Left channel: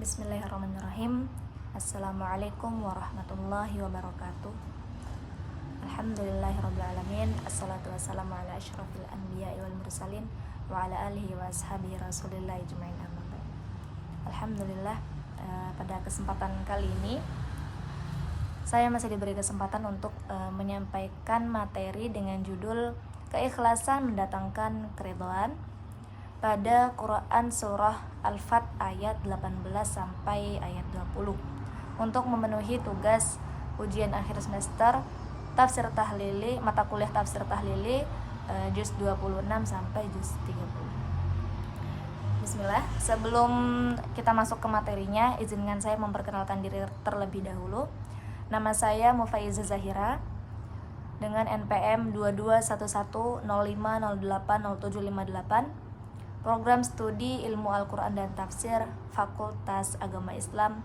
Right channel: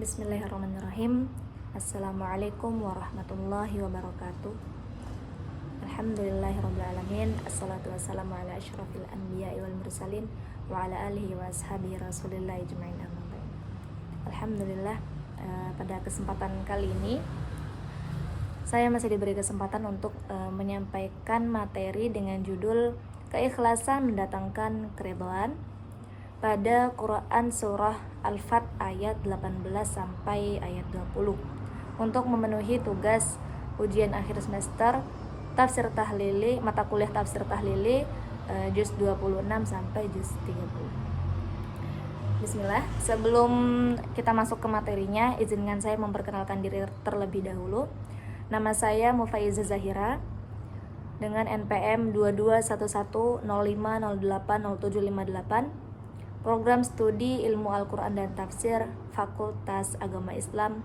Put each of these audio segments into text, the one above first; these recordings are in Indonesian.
Bismillahirrahmanirrahim. Assalamualaikum warahmatullahi wabarakatuh. Alhamdulillahirrabbilalamin. Assalatu wassalamu ala asyrafil anbiya'i wal mursalin wa ala alihi wa ashabihi rasulillahi jema'in amma ba'd. Alhamdulillah, pada kesempatan kali ini saya masih diberi kesempatan untuk menyampaikan materi dengan judul Keikhlasan Mendatangkan Keridhaan pada Quran Surah Al-Fat ayat 18 sampai ayat 20 untuk memenuhi tugas ujian akhir semester tafsir tahlili, mata kuliah tafsir tahlili juz 26 sampai juz 30. Bismillah. Sebelum kita masuk ke materinya, izinkan saya memperkenalkan diri terlebih dahulu. Nama saya Mufaiza Zahira dengan NPM 221105080758, Program Studi Ilmu Al-Quran dan Tafsir Fakultas Agama Islam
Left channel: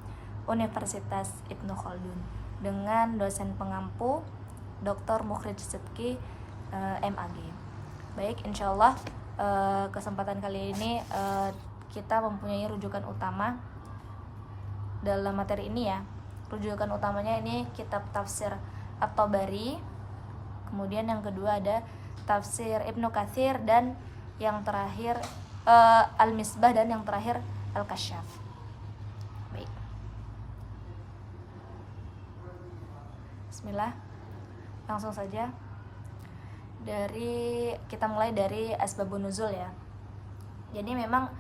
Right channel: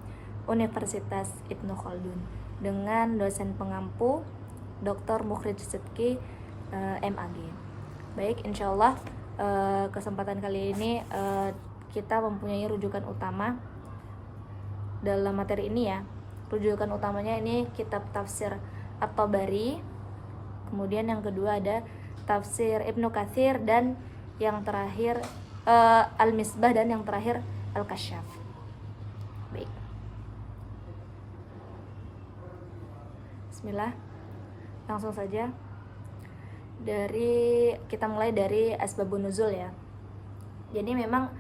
Universitas Ibnu Khaldun, dengan dosen pengampu Dr. Mukhrij Sidki MAG. Baik, insyaallah kesempatan kali ini kita mempunyai rujukan utama dalam materi ini ya. Rujukan utamanya ini kitab tafsir At-Tabari, kemudian yang kedua ada tafsir Ibnu Katsir, dan yang terakhir Al-Misbah, dan yang terakhir Al-Kasyaf. Baik. Bismillah. Langsung saja. Kita mulai dari asbabun nuzul ya. Jadi memang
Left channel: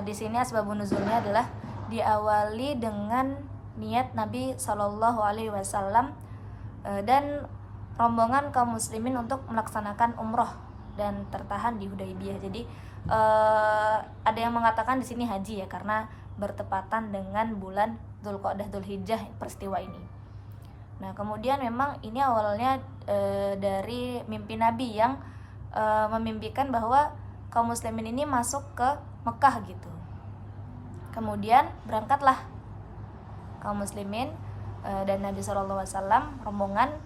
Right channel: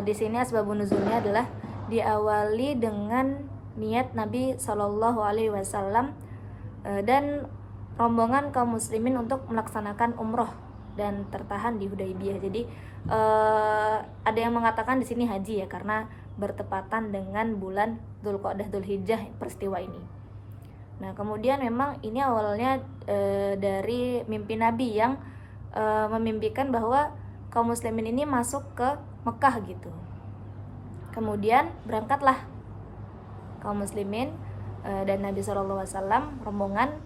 di sini asbabun nuzulnya adalah diawali dengan niat Nabi Shallallahu Alaihi Wasallam dan rombongan kaum muslimin untuk melaksanakan umroh dan tertahan di Hudaybiyah. Jadi ada yang mengatakan di sini haji ya, karena bertepatan dengan bulan Dzulqa'dah Dzulhijjah peristiwa ini. Nah, kemudian memang ini awalnya dari mimpi Nabi yang memimpikan bahwa kaum muslimin ini masuk ke Mekah gitu. Kemudian berangkatlah kaum muslimin dan Nabi SAW rombongan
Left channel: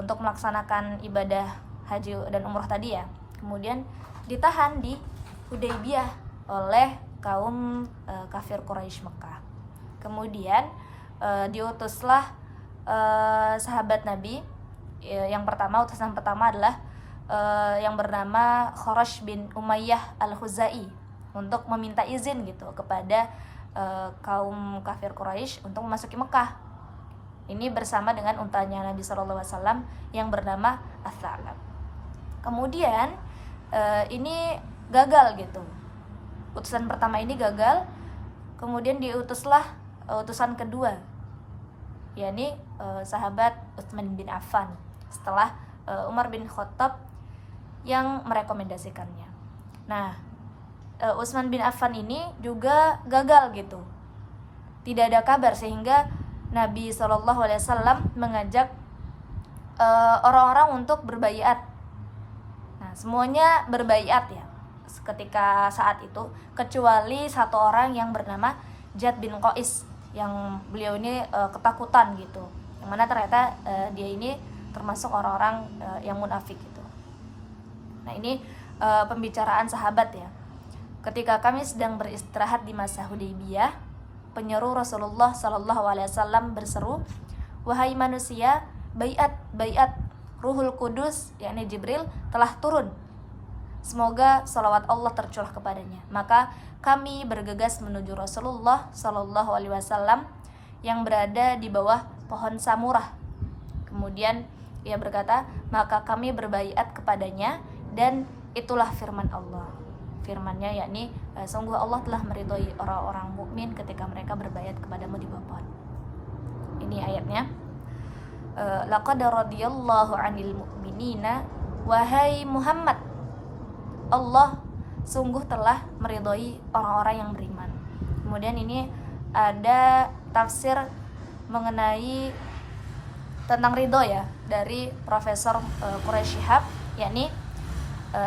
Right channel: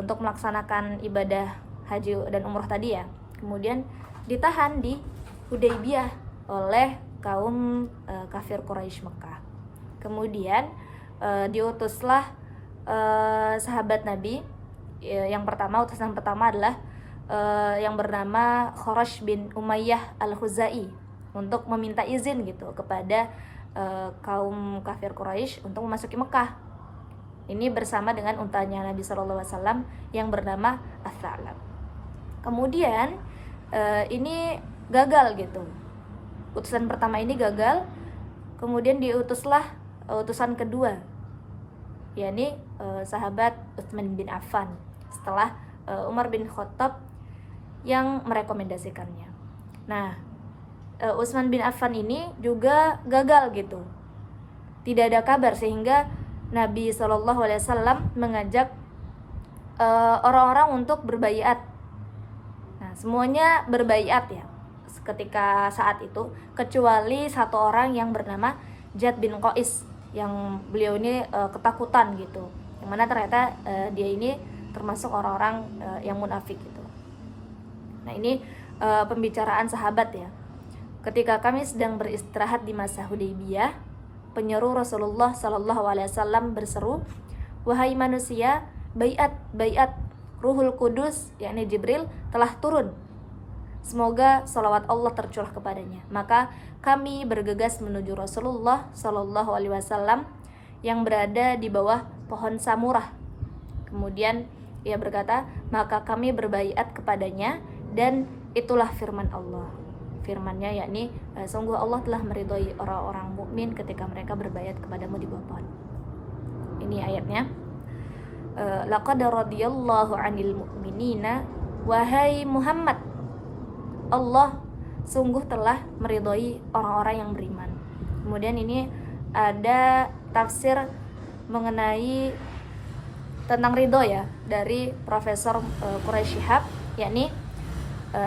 untuk melaksanakan ibadah haji dan umroh tadi ya. Kemudian ditahan di Hudaybiyah oleh kaum kafir Quraisy Mekah. Kemudian diutuslah sahabat Nabi. Utusan pertama adalah yang bernama Khurash bin Umayyah Al-Khuzai untuk meminta izin gitu kepada kaum kafir Quraisy untuk memasuki Mekah. Ini bersama dengan untanya Nabi SAW yang bernama As-Sa'lab. Kemudian ini gagal gitu. Utusan pertama ini gagal. Kemudian diutuslah utusan kedua, yakni sahabat Utsman bin Affan, setelah Umar bin Khattab yang merekomendasikannya. Nah, Utsman bin Affan ini juga gagal gitu. Tidak ada kabar, sehingga Nabi SAW mengajak orang-orang untuk berbaiat. Nah, semuanya berbaiat ya ketika saat itu, kecuali satu orang yang bernama Jad bin Qais, yang beliau ini ketakutan gitu, yang mana ternyata dia ini termasuk orang-orang yang munafik gitu. Nah, ini pembicaraan sahabat ya. Ketika kami sedang beristirahat di masa Hudaybiyah, penyeru Rasulullah SAW berseru, "Wahai manusia, baiat, baiat, Ruhul Kudus, yakni Jibril, telah turun. Semoga salawat Allah tercurah kepadanya." Maka kami bergegas menuju Rasulullah SAW yang berada di bawah pohon samurah. Kemudian ia berkata, maka kami berbaiat kepadanya, dan itulah firman Allah. Firmannya yakni, sungguh Allah telah meridhoi orang-orang mukmin ketika mereka berbaiat kepadamu di bawah pohon. Ini ayatnya. Laqad radiyallahu 'anil mu'minina, wahai Muhammad, Allah sungguh telah meridhoi orang-orang yang beriman. Kemudian ini ada tafsir mengenai tentang ridho ya dari Profesor Quraisy Shihab, yakni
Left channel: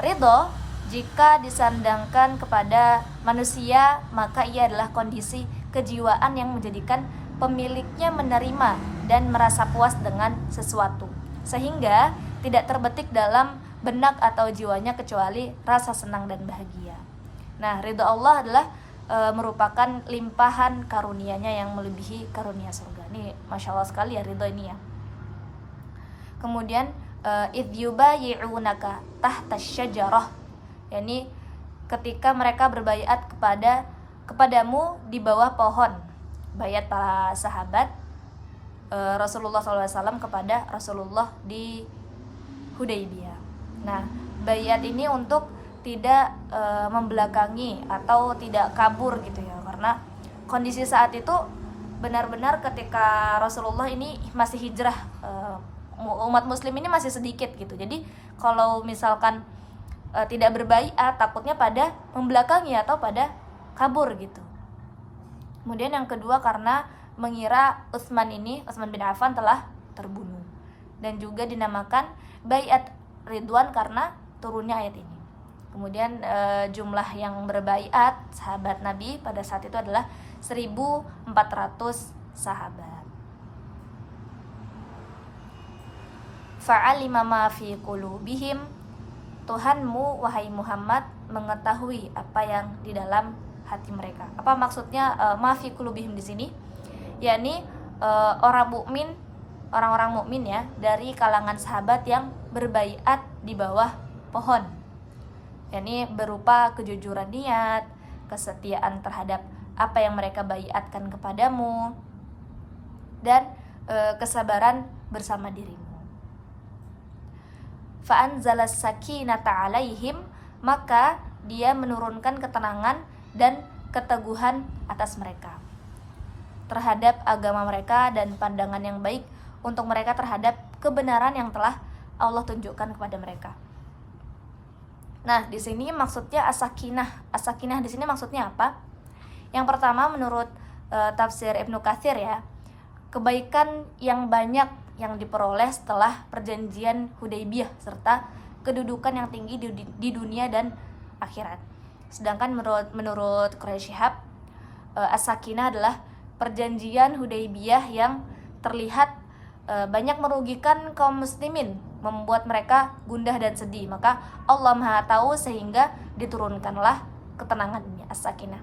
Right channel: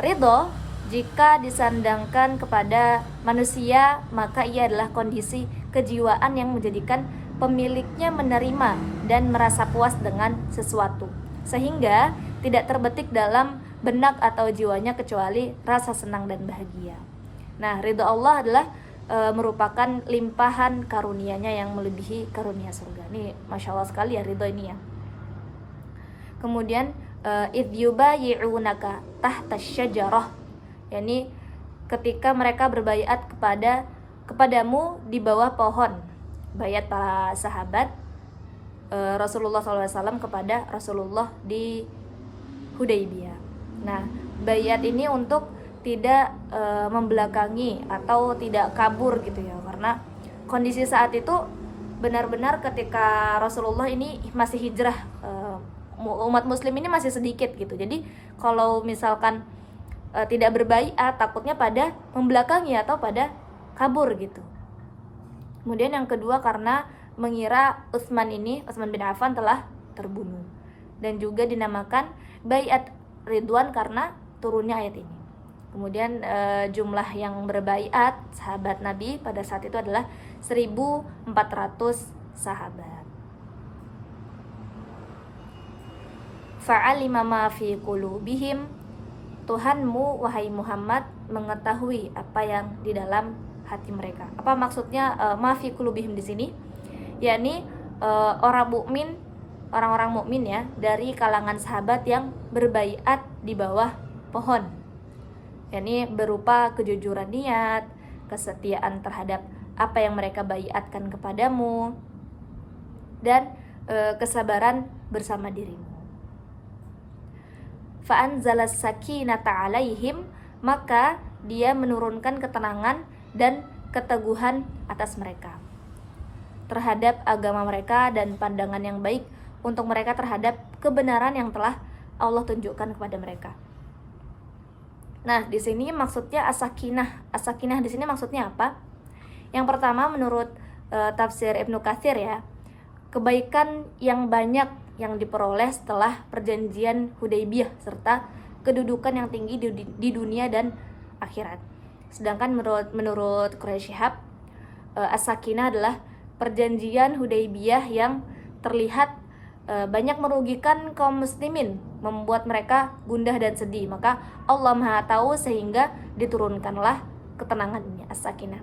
ridho jika disandangkan kepada manusia, maka ia adalah kondisi kejiwaan yang menjadikan pemiliknya menerima dan merasa puas dengan sesuatu, sehingga tidak terbetik dalam benak atau jiwanya kecuali rasa senang dan bahagia. Nah, ridho Allah adalah merupakan limpahan karunia-Nya yang melebihi karunia surga. Ini Masya Allah sekali ya ridho ini ya. Kemudian idh yubayi'unaka tahta syajarah, yakni ketika mereka berbaiat kepadamu di bawah pohon. Baiat para sahabat Rasulullah SAW kepada Rasulullah di Hudaybiyah. Nah, baiat ini untuk tidak membelakangi atau tidak kabur gitu ya, karena kondisi saat itu benar-benar ketika Rasulullah ini masih hijrah, umat muslim ini masih sedikit gitu. Jadi kalau misalkan tidak berbaiat, takutnya pada membelakangi atau pada kabur gitu. Kemudian yang kedua karena mengira Utsman bin Affan telah terbunuh, dan juga dinamakan baiat Ridwan karena turunnya ayat ini. Kemudian jumlah yang berbaiat sahabat Nabi pada saat itu adalah 1.400 sahabat. Fa'alima ma fi qulubihim, Tuhanmu wahai Muhammad mengetahui apa yang di dalam hati mereka. Apa maksudnya ma fi qulubihim di sini? Yakni orang-orang mukmin ya dari kalangan sahabat yang berbaiat di bawah pohon. Yakni berupa kejujuran niat, kesetiaan terhadap apa yang mereka baiatkan kepadamu, dan kesabaran bersama dirimu. Fa'anzalas sakinata alaihim, maka dia menurunkan ketenangan dan keteguhan atas mereka terhadap agama mereka dan pandangan yang baik untuk mereka terhadap kebenaran yang telah Allah tunjukkan kepada mereka. Nah, di sini maksudnya as-sakinah. As-sakinah di sini maksudnya apa? Yang pertama menurut tafsir Ibnu Katsir ya, kebaikan yang banyak yang diperoleh setelah perjanjian Hudaybiyah serta kedudukan yang tinggi di dunia dan akhirat. Sedangkan menurut Quraisy Shihab, as-sakinah adalah perjanjian Hudaybiyah yang terlihat banyak merugikan kaum muslimin, membuat mereka gundah dan sedih. Maka Allah Maha tahu sehingga diturunkanlah ketenangan ini, as-sakinah.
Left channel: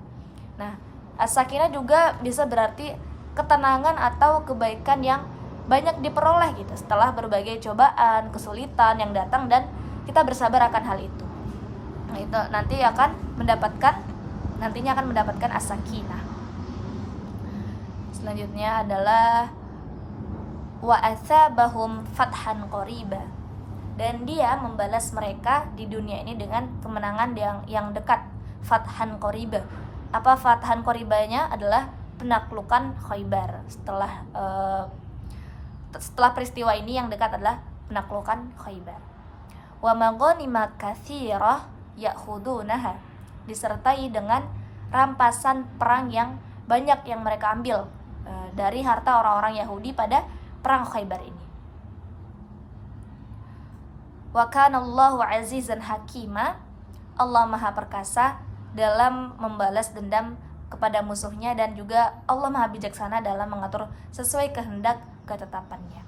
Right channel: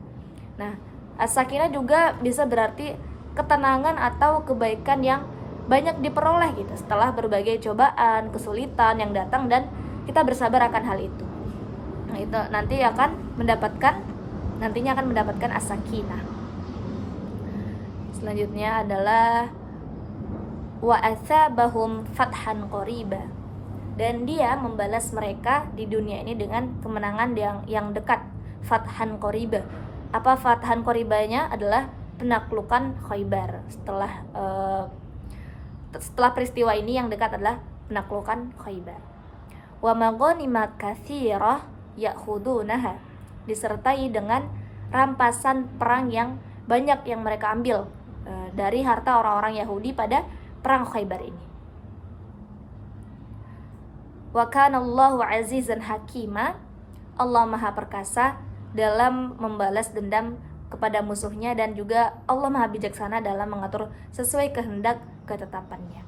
Nah, as-sakinah juga bisa berarti ketenangan atau kebaikan yang banyak diperoleh gitu setelah berbagai cobaan, kesulitan yang datang, dan kita bersabar akan hal itu. Nah, itu nantinya akan mendapatkan as-sakinah. Selanjutnya adalah wa asabahum fathan qariba, dan dia membalas mereka di dunia ini dengan kemenangan yang dekat. Fathan qariba. Apa fathan qaribanya? Adalah penaklukan Khaybar. Setelah peristiwa ini yang dekat adalah penaklukan Khaybar. Wa maghanima katsirah ya'khudunaha, disertai dengan rampasan perang yang banyak yang mereka ambil dari harta orang-orang Yahudi pada perang Khaybar ini. Wa kana Allahu azizan hakima, Allah Maha perkasa dalam membalas dendam kepada musuhnya, dan juga Allah Maha bijaksana dalam mengatur sesuai kehendak ketetapannya.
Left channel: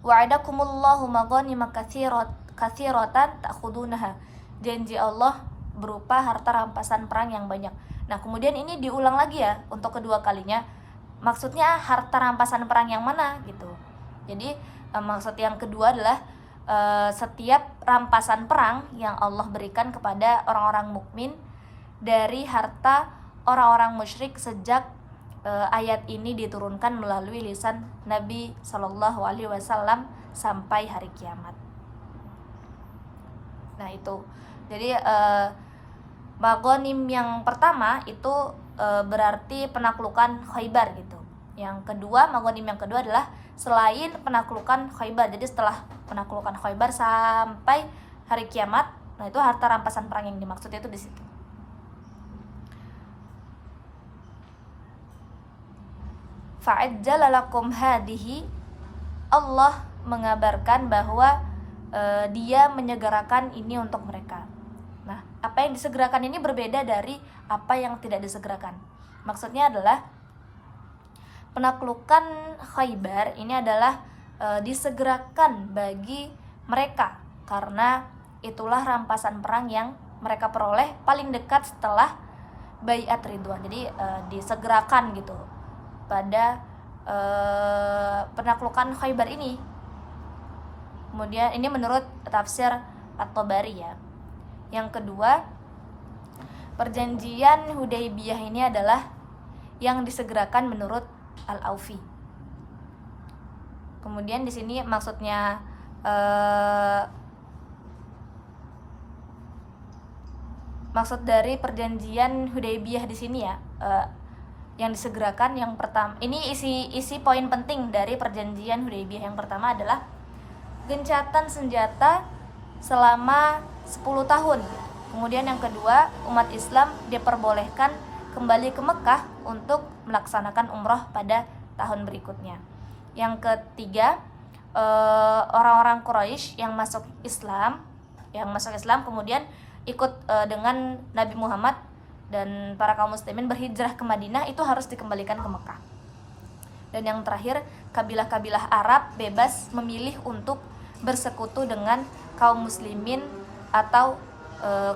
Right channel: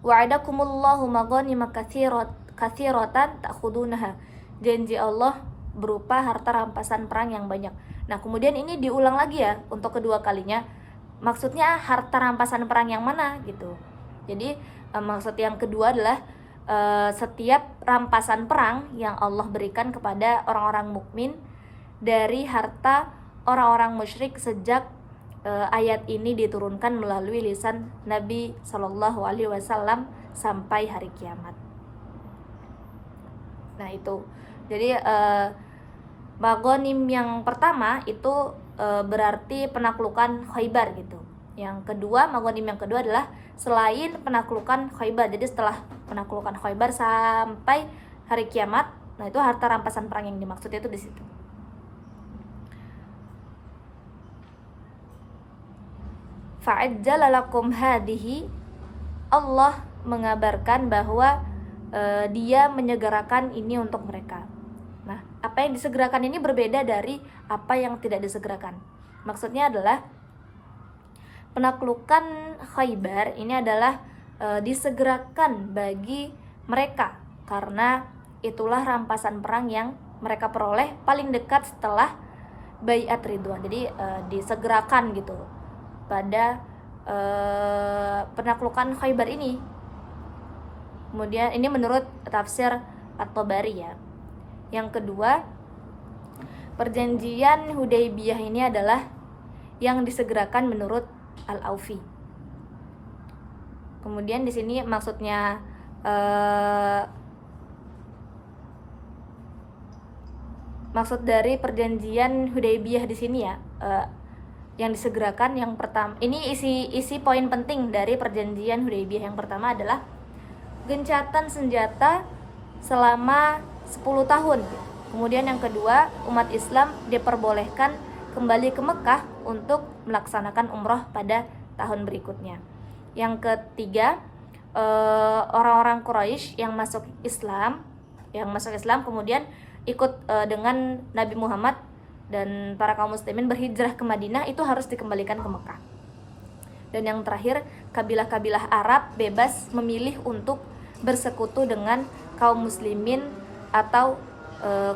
Wa'adakumullahu maghanima katsiratan ta'khudunaha, janji Allah berupa harta rampasan perang yang banyak. Nah, kemudian ini diulang lagi ya untuk kedua kalinya. Maksudnya harta rampasan perang yang mana gitu. Jadi maksud yang kedua adalah setiap rampasan perang yang Allah berikan kepada orang-orang mukmin dari harta orang-orang musyrik sejak ayat ini diturunkan melalui lisan Nabi Shallallahu Alaihi Wasallam sampai hari kiamat. Nah itu, jadi maghanim yang pertama itu berarti penaklukan Khaybar gitu. Yang kedua, maghanim yang kedua adalah selain penaklukan Khaybar. Jadi setelah penaklukan Khaybar sampai hari kiamat, nah itu harta rampasan perang yang dimaksud itu di situ. Fa'ajjala lakum hadihi, Allah mengabarkan bahwa dia menyegerakan ini untuk mereka. Nah, apa yang disegerakan ini berbeda dari apa yang tidak disegerakan. Maksudnya adalah penaklukan Khaybar ini adalah disegerakan bagi mereka, karena itulah rampasan perang yang mereka peroleh paling dekat setelah baiat ridwan. Jadi disegerakan gitu pada penaklukan Khaybar ini. Kemudian ini menurut tafsir At-Tabari ya. Yang kedua, perjanjian Hudaybiyah ini adalah yang disegerakan menurut Al-Aufi. Kemudian di sini maksudnya maksud dari perjanjian Hudaybiyah di sini ya, yang disegerakan yang pertama, ini isi poin penting dari perjanjian Hudaybiyah. Yang pertama adalah gencatan senjata selama 10 tahun. Kemudian yang kedua, umat Islam diperbolehkan kembali ke Mekah untuk melaksanakan umroh pada tahun berikutnya. Yang ketiga, orang-orang Quraisy yang masuk Islam kemudian ikut dengan Nabi Muhammad dan para kaum muslimin berhijrah ke Madinah, itu harus dikembalikan ke Mekah. Dan yang terakhir, kabilah-kabilah Arab bebas memilih untuk bersekutu dengan kaum muslimin atau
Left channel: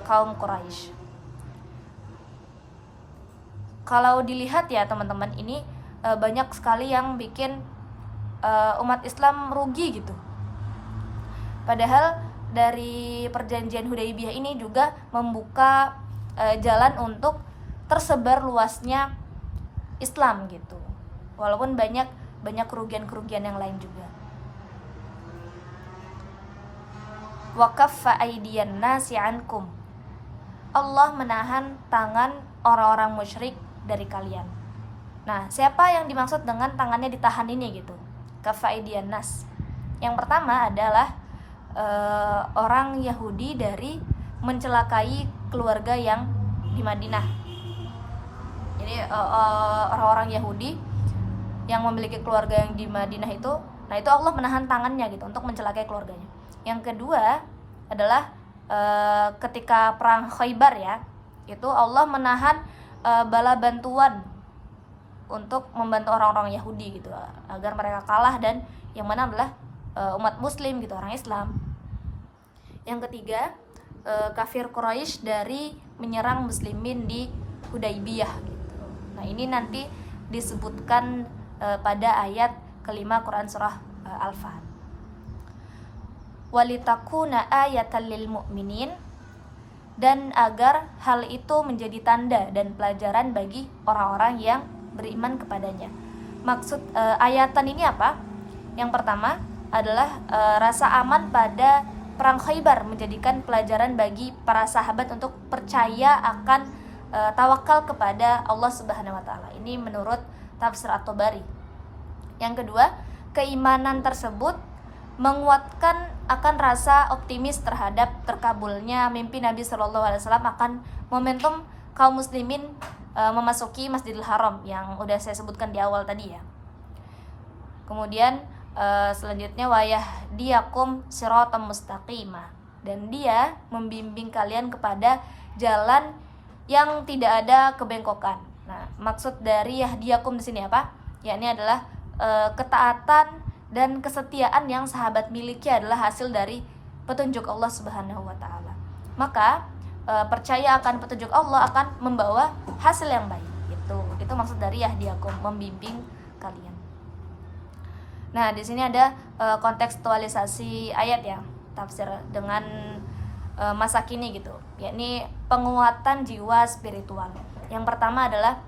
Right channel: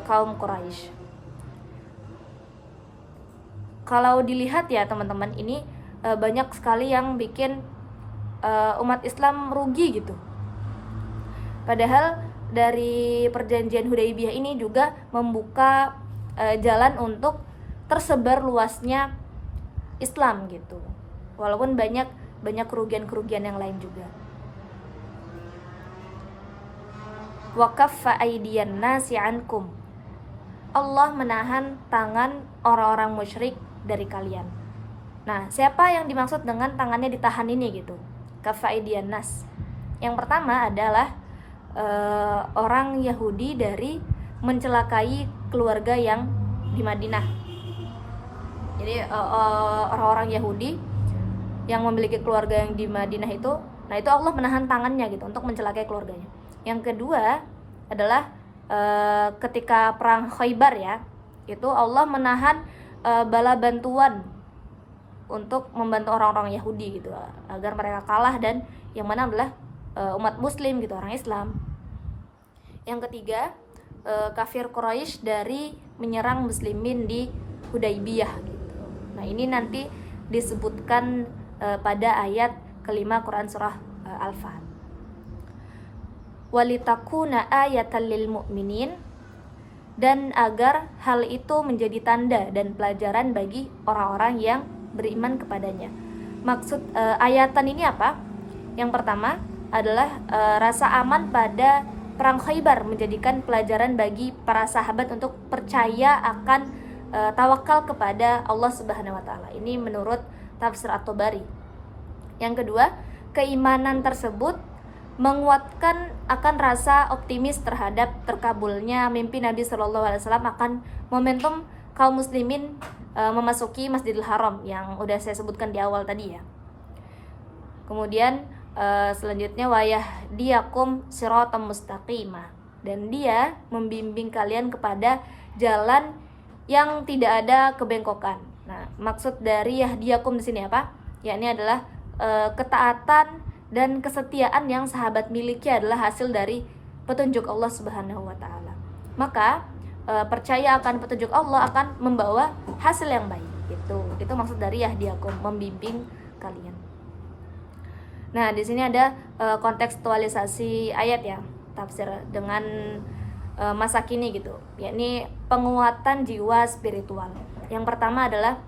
kaum Quraisy. Kalau dilihat ya teman-teman, ini banyak sekali yang bikin umat Islam rugi gitu. Padahal dari perjanjian Hudaybiyah ini juga membuka jalan untuk tersebar luasnya Islam gitu. Walaupun banyak kerugian-kerugian yang lain juga. Wa kaffa aydiyan nasi ankum. Allah menahan tangan orang-orang musyrik dari kalian. Nah, siapa yang dimaksud dengan tangannya ditahan ini gitu? Kaffa aydiyan nas. Yang pertama adalah orang Yahudi dari mencelakai keluarga yang di Madinah. Jadi orang-orang Yahudi yang memiliki keluarga yang di Madinah itu, nah itu Allah menahan tangannya gitu untuk mencelakai keluarganya. Yang kedua adalah ketika perang Khaybar ya, itu Allah menahan bala bantuan untuk membantu orang-orang Yahudi gitu agar mereka kalah, dan yang mana adalah umat muslim gitu, orang Islam. Yang ketiga, kafir Quraisy dari menyerang muslimin di Hudaybiyah gitu. Nah, ini nanti disebutkan pada ayat kelima Quran surah Al-Fat. Walitakuna ayatan lil mu'minin, dan agar hal itu menjadi tanda dan pelajaran bagi orang-orang yang beriman kepadanya. Maksud ayatan ini apa? Yang pertama adalah rasa aman pada perang Khaybar menjadikan pelajaran bagi para sahabat untuk percaya akan tawakal kepada Allah Subhanahu wa taala. Ini menurut tafsir At-Tabari. Yang kedua, keimanan tersebut menguatkan akan rasa optimis terhadap terkabulnya mimpi Nabi Shallallahu alaihi wasallam akan momentum kaum muslimin memasuki Masjidil Haram yang udah saya sebutkan di awal tadi ya. Kemudian selanjutnya wayahdiyakum siratam mustaqimah, dan dia membimbing kalian kepada jalan yang tidak ada kebengkokan. Nah, maksud dari yahdiyakum di sini apa? Yakni adalah ketaatan dan kesetiaan yang sahabat miliki adalah hasil dari petunjuk Allah Subhanahu wa taala. Maka percaya akan petunjuk Allah akan membawa hasil yang baik. Itu maksud dari yahdiyakum, membimbing kalian. Nah, di sini ada kontekstualisasi ayat ya, tafsir dengan masa kini gitu, yakni penguatan jiwa spiritual. Yang pertama adalah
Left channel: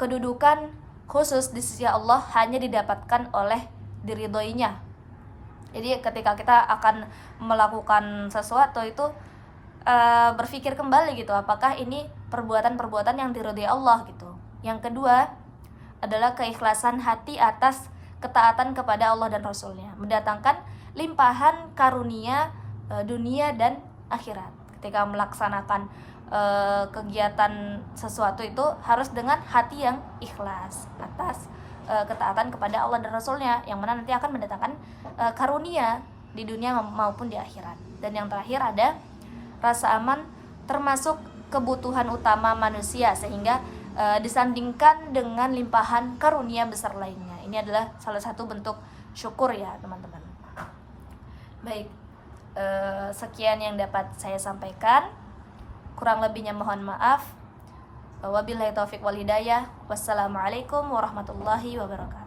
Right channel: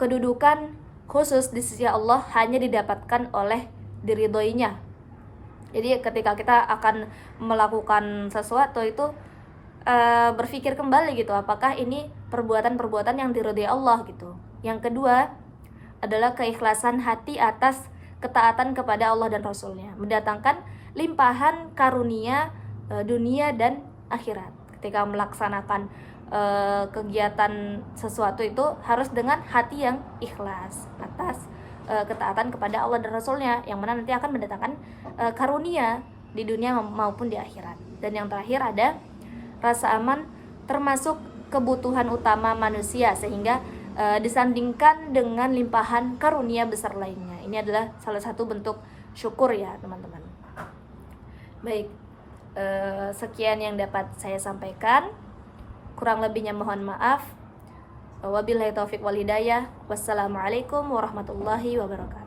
kedudukan khusus di sisi Allah hanya didapatkan oleh diridhoinya. Jadi ketika kita akan melakukan sesuatu itu berpikir kembali gitu, apakah ini perbuatan-perbuatan yang diridhoi Allah gitu. Yang kedua adalah keikhlasan hati atas ketaatan kepada Allah dan Rasulnya, mendatangkan limpahan karunia dunia dan akhirat. Ketika melaksanakan kegiatan sesuatu itu harus dengan hati yang ikhlas atas ketaatan kepada Allah dan Rasulnya, yang mana nanti akan mendatangkan karunia di dunia maupun di akhirat. Dan yang terakhir ada rasa aman, termasuk kebutuhan utama manusia, sehingga disandingkan dengan limpahan karunia besar lainnya. Ini adalah salah satu bentuk syukur ya teman-teman. Baik, sekian yang dapat saya sampaikan. Kurang lebihnya mohon maaf. Wabillahi taufik wal hidayah. Wassalamualaikum warahmatullahi wabarakatuh.